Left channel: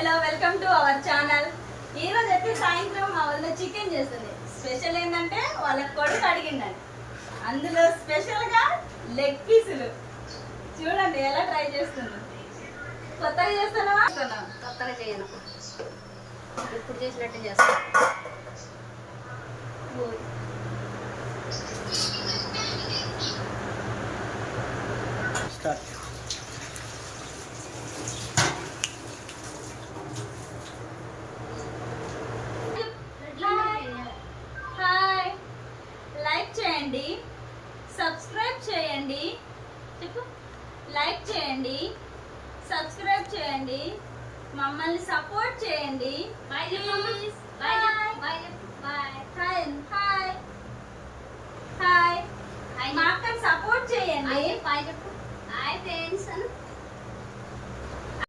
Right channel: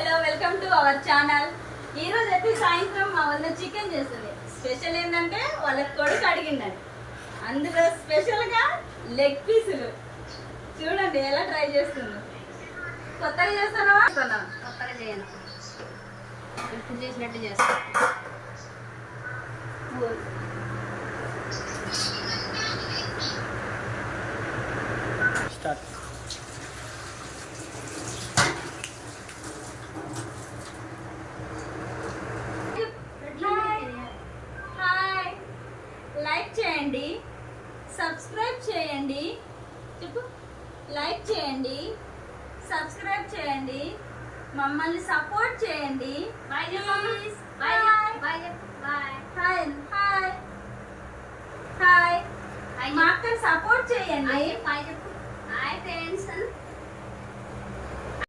Hello welcome to our channel. ఈ రోజు అయితే సాయంత్రం మా వల్ల చికెన్ చేస్తుంది. స్పెషల్ ఏంటంటే వాళ్ళ కొడుకు అడిగిందండి, అందులో స్పెషల్ గా లెగ్ పీసులు చూడండి ఎలా ట్రై చేస్తుందో. కొత్తగా చేస్తున్నావా? కొత్తగా చేయను, ఇప్పుడు చేసినట్టు చేస్తాను. స్టార్ట్. హాయ్, లైక్ చేయండి, సబ్స్క్రైబ్ చేయండి. చెప్పు, లైక్ చేయండి, సబ్స్క్రైబ్ చేయండి, మమ్మల్ని సపోర్ట్ చేయండి. బాయ్ చెప్పండి. Bye bye bye. Hi hi hi, hi మా అక్కని సపోర్ట్ చేయండి. బాయ్ చెప్పు. Hi friends.